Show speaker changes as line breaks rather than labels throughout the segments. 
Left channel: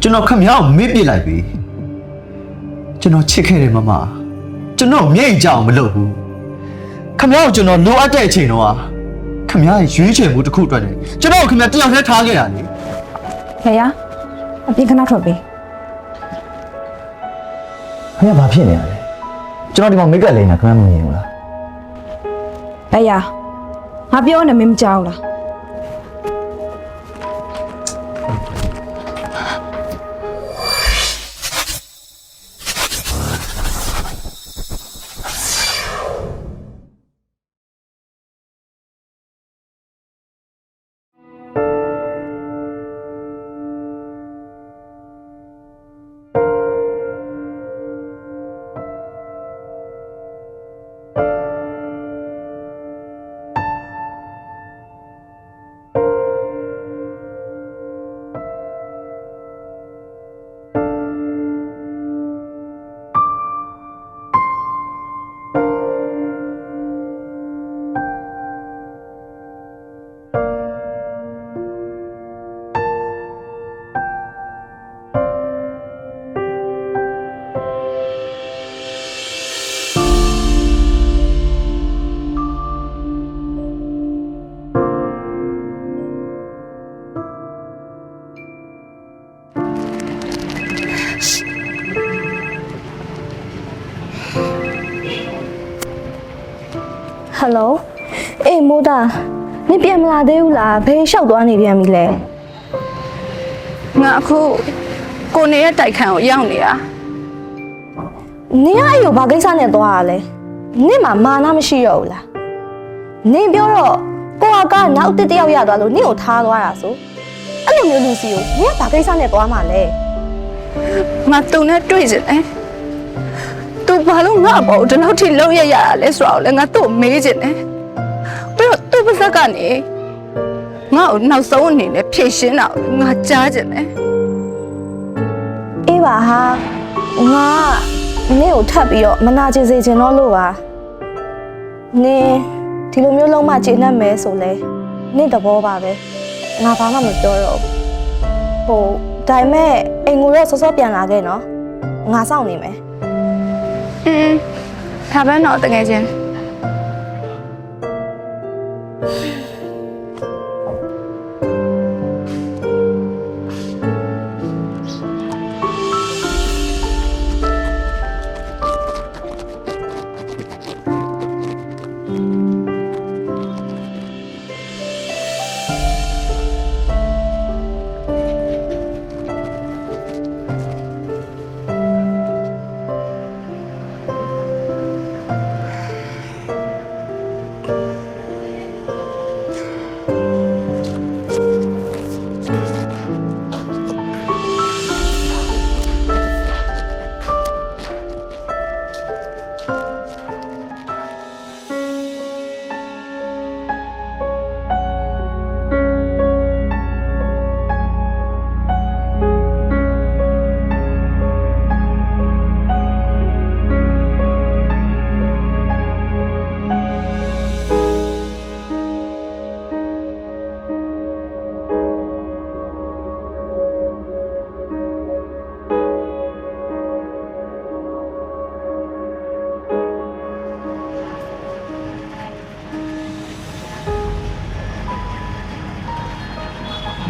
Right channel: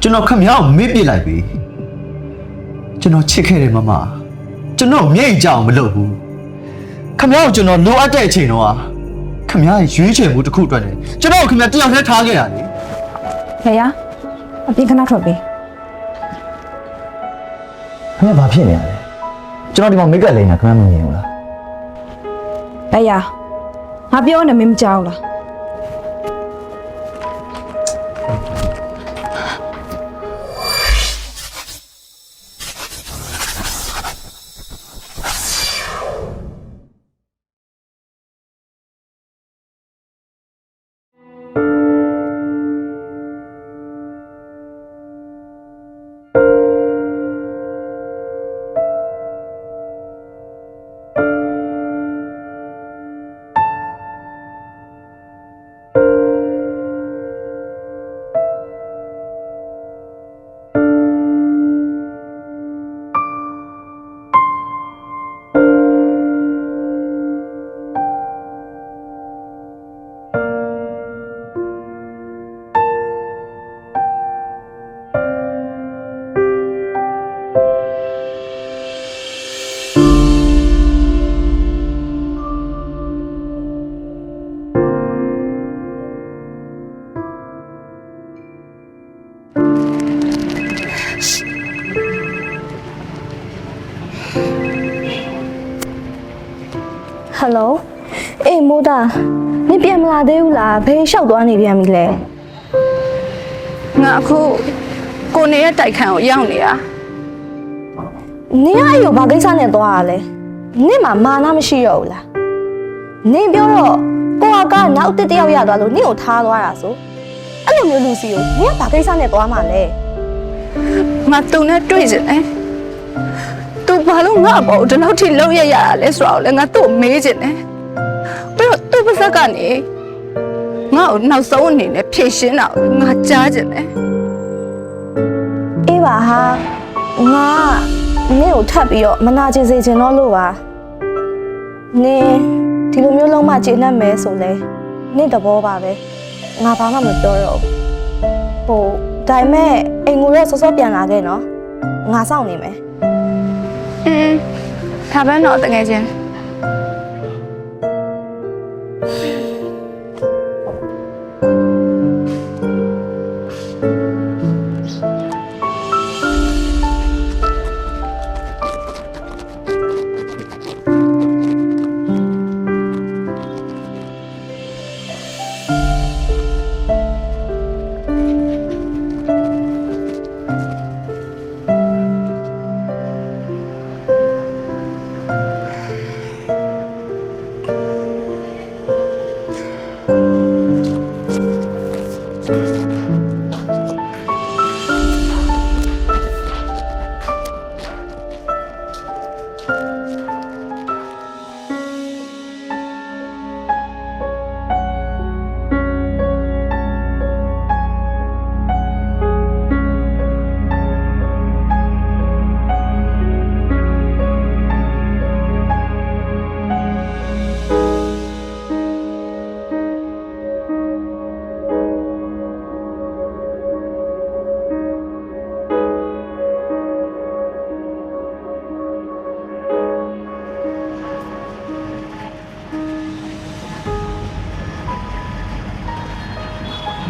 ကျွန်တော်ခမရအောင်မေ့ပစ်လိုက်ပြီကျွန်တော်ချစ်ခဲ့တယ်မမကျွန်တော်မျက်ရည်ကြအောင်မလုပ်ဘူးခမရကိုကျွန်တော်လိုအပ်တဲ့အချိန်တော့ခမရရဲ့ရွေးချယ်မှုတစ်ခုအတွက်နဲ့ကျွန်တော်ကိုခမရတယောက်တည်းထားခဲ့တာလေ
ဖေရအပြင်ခဏထွက်ပေး
ခမရဘာဖြစ်နေရလဲကျွန်တော်ဒီမှာမိတ်ကပ်လိမ့်တာခမရမမြင်ဘူးလား
ဖေရငါပြောနေမင်းမကြောက်လား
ဟယ်လိုအေးမိုးတာနင်ပြန်မလာသေးဘူးလားဘယ်လျှောက်သွားနေပြန်ပြီလဲ
ငါအခုကိုနေရဲ့တိုက်ခန်းကိုရောက်နေတာ
နင်ကအဲ့ကိုဘာကိစ္စနဲ့သွားရလဲနင်မှာမာနမရှိတော့ဘူးလားနင်ပြောတော့ကိုကကနောက်တစ်တယောက်ရသွားလို့နင့်ကိုထားသွားတာဆိုအဲ့လိုမျိုးလူစီကိုနင်ကဘာကိစ္စနဲ့သွားမှာလဲ
ငါသူနဲ့တွေ့စင်တယ် သူဘာလို့ငါ့အပေါ်ဒီလောက်ထိလောက်ရရတာလဲဆိုတော့လေငါသူ့ကိုမေးစင်တယ်ပြီးတော့သူ့ပါဇက်ကနေငါ့ကိုနောက်ဆုံးအနေနဲ့ဖြည့်ရှင်းတာကိုငါကြားစင်တယ်
အေးပါဟာငါကနင့်ကိုထပ်ပြီးတော့မနာကျင်စေချင်တော့လို့ပါနင်ဒီလိုမျိုးလုံးမကျေနပ်မယ်ဆိုလဲနင့်သဘောပါပဲငါဘာမှမပြောတော့ဘူးဟိုဒါပေမဲ့အိမ်ကိုတော့စောစောပြန်လာခဲ့နော်ငါစောင့်နေမယ်
อืมဒါပဲတော့တကယ် ချင်း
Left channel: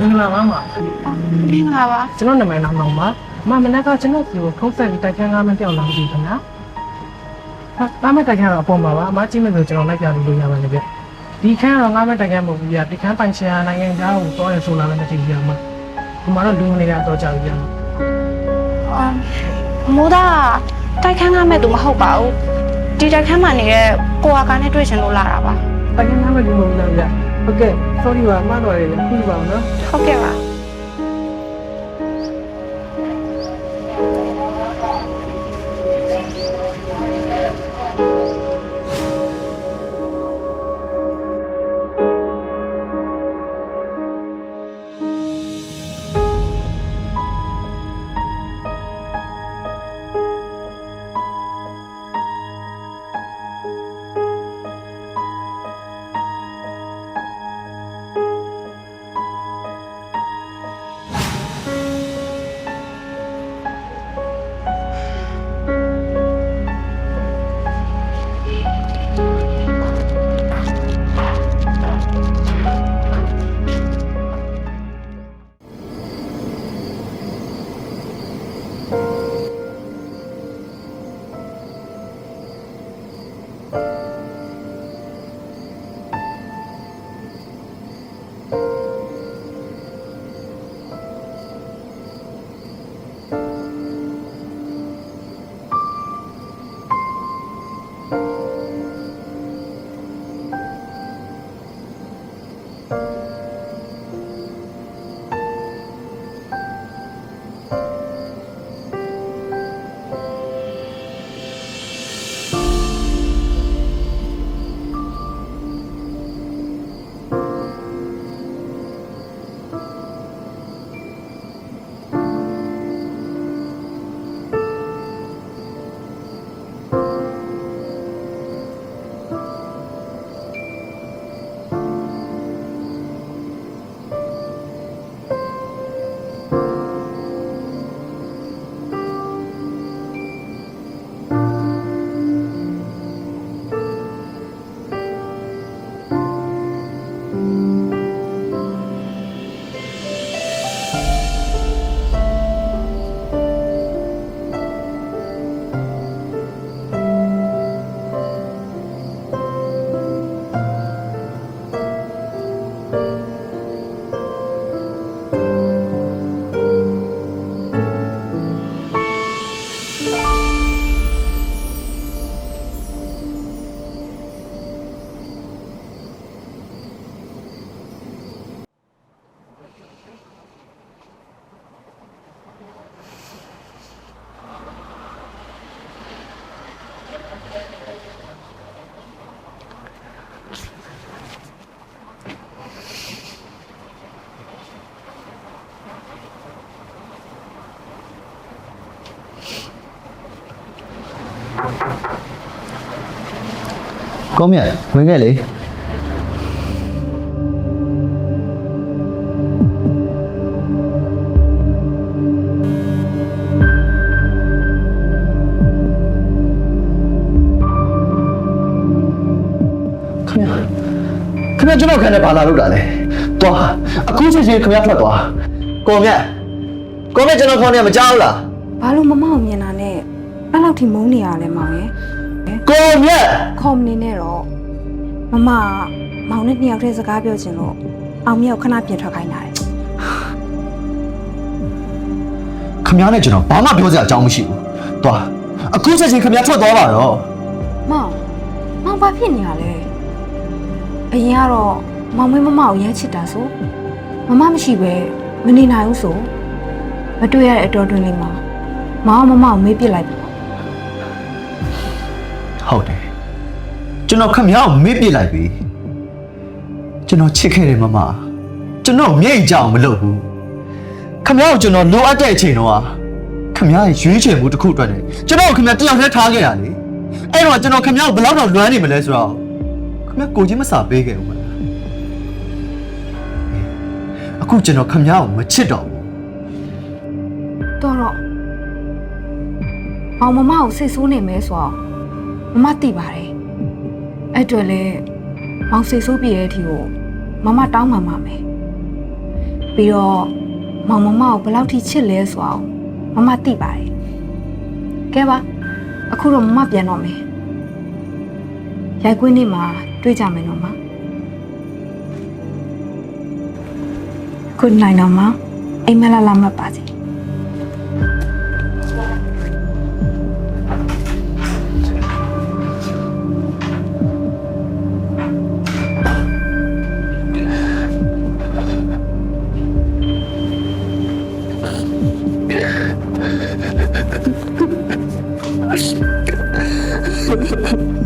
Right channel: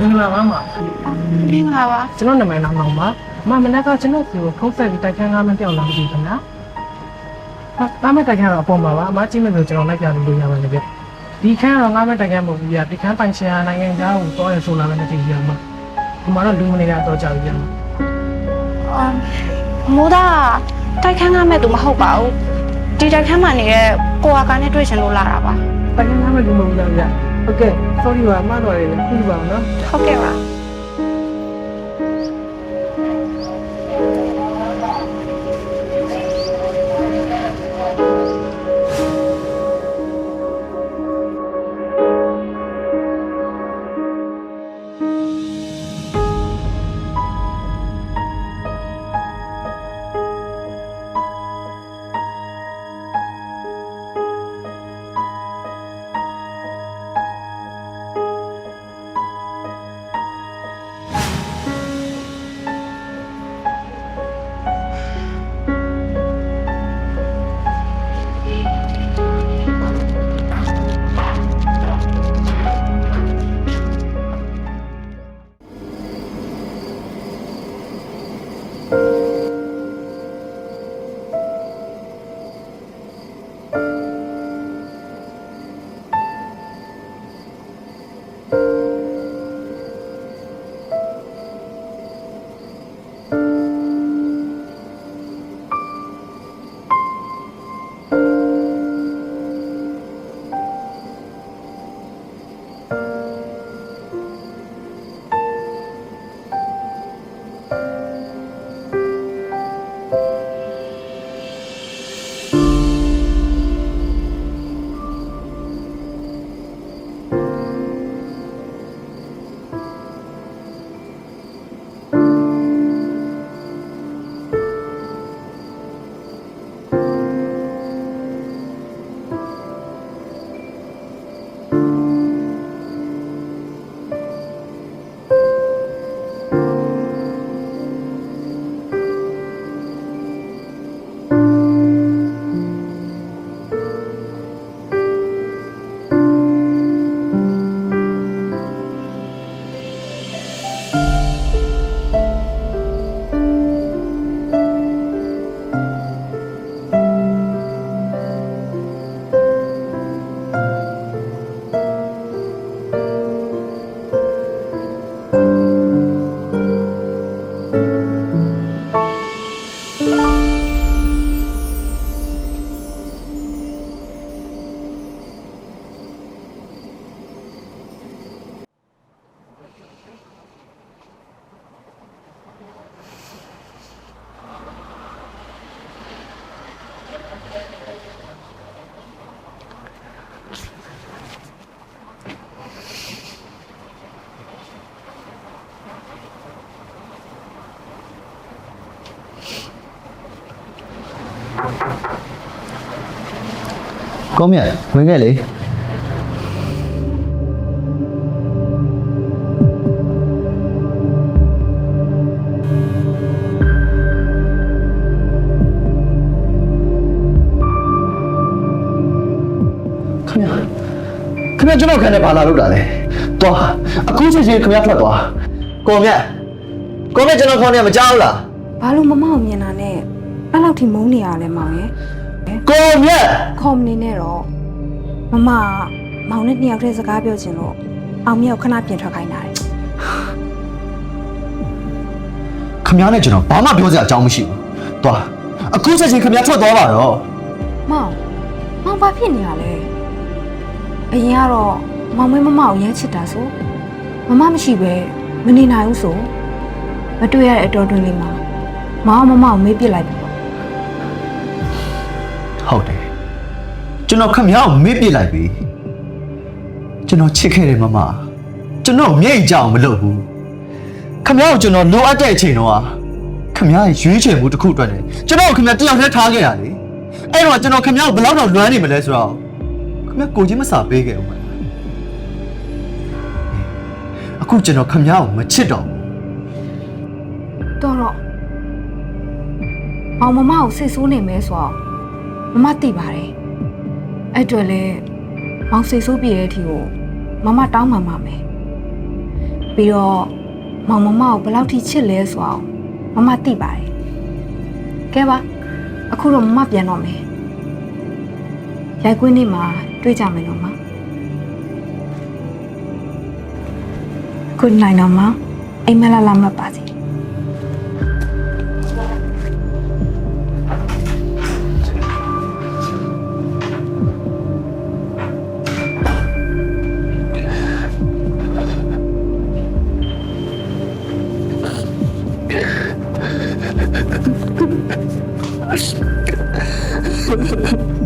မင်္ဂလာပါမ
မင်္ဂလာပါ
ကျွန်တော်နာမည်နာမောင်ပါမမနက်ကကျွန်တော်စီကိုဖုန်းဆက်ပြီးတိုက်ခန်းကားမပြောင်းလာမသိဘူးခင်ဗျာဟာတားမဲ့တိုက်ခန်းတော့အပေါ်မှာပါအမကြည့်မယ်ဆိုကျွန်တော်လိုက်ပြလို့ရပါတယ်ဗျဒီခန်းကတော့ငါးမဲ့တိုက်ခန်းမဟုတ်ဘူးဗျဒီခန်းပိုင်ရှင်နိုင်ငံသားကိုတော့ရဆိုလာလည်းမသိဘူးဗျမဒီမှာတော့လူမနေတာတော့ကြာပြီဗျမ
အော်မိုးသားတိုက်ခန်းကမဲ့သူမဟုတ်ပါဘူးဒီတိုက်ခန်းမှာနေတဲ့ကိုအာကနဲ့တွေ့ချင်လို့လာတာပါ
တိုက်ခန်းကားမဲ့လူမဟုတ်ဘူးလားဗျ ဟုတ်ကဲ့ sorry ပါအမတော်ရည်ခုပါအောင်နော်
ဟုတ်ကဲ့ပါ
ကောင်းမြတ်ဝင်ခဲ့လေခင်ဗျာခင်ဗျာကျွန်တော်ခံနေပါလာလို့တာလေသွားအခုချက်ချင်းခင်ဗျာထွက်သွားကိုမြတ်ကိုမြတ်ကျွန်တော်ခေါင်းနေမကြောက်ဘူးလား
ဘာလို့မမအောင်မြင်တာနဲ့ အဲ့လောက်ထိမုန်းနေရလဲမောင်ရဲ့
ကိုမြတ်
ခေါ်မနေနဲ့တော့မမကမောင်နဲ့နှစ်ယောက်တည်းစကားပြောချင်လို့အောင်မြောက်ခဏပြင်ထွက်ခိုင်းတာတယ်
ခင်ဗျားနဲ့ကျွန်တော်ဘာမှပြောစရာအကြောင်းမရှိဘူးသွားအခုချက်ချင်းခင်ဗျားထွက်သွားပါတော့
မောင်မောင်ဘာဖြစ်နေရလဲအရင်ကတော့မောင်မင်းမမကိုရမ်းချစ်တာဆိုမမမရှိပဲမနေနိုင်ဘူးဆိုမတွေ့ရတဲ့အတော်တွင်လေးမှာမောင်ကမမကိုမေးပြစ်လိုက်ပြီပေါ့
ဟုတ်တယ်ကျွန်တော်ခင်ဗျားကိုမေ့ပြစ်လိုက်ပြီကျွန်တော်ချစ်ခဲ့တယ်မမကျွန်တော်မြိတ်ကြအောင်မလုပ်ဘူးခင်ဗျားကိုကျွန်တော်လိုအပ်တဲ့အချိန်တော့ခင်ဗျားရဲ့ရွေးချယ်မှုတစ်ခုအတွက်နဲ့ကျွန်တော်ကိုခင်ဗျားတယောက်တည်းထားခဲ့ရလေအဲ့တော့ကျွန်တော်ခင်ဗျားကိုဘယ်လောက်တော့လွမ်းနေမလဲဆိုတော့ခင်ဗျားကိုချင်းမစာပေးခဲ့ဦးမလားအေးအခုကျွန်တော်ခင်ဗျားကိုမချစ်တော့ဘူး
တော်တော့မောင်မမကိုစိတ်ဆိုးနေမဲဆိုတော့ မမသိပါတယ်အဲ့အတော့လေမောင်စိတ်ဆိုးပြည့်တဲ့အထိကိုမမတောင်းပန်ပါမယ်ပြီးတော့မောင်မမကိုဘယ်လောက်ထိချစ်လဲဆိုအောင်မမသိပါတယ်ကဲပါအခုတော့မမပြန်တော့မယ်ရိုက်ကွင်းနေ့မှာတွေ့ကြမယ်နော်မ Good night နော်မအိမ်မလာလာမပါစေ 哈哈哈哈。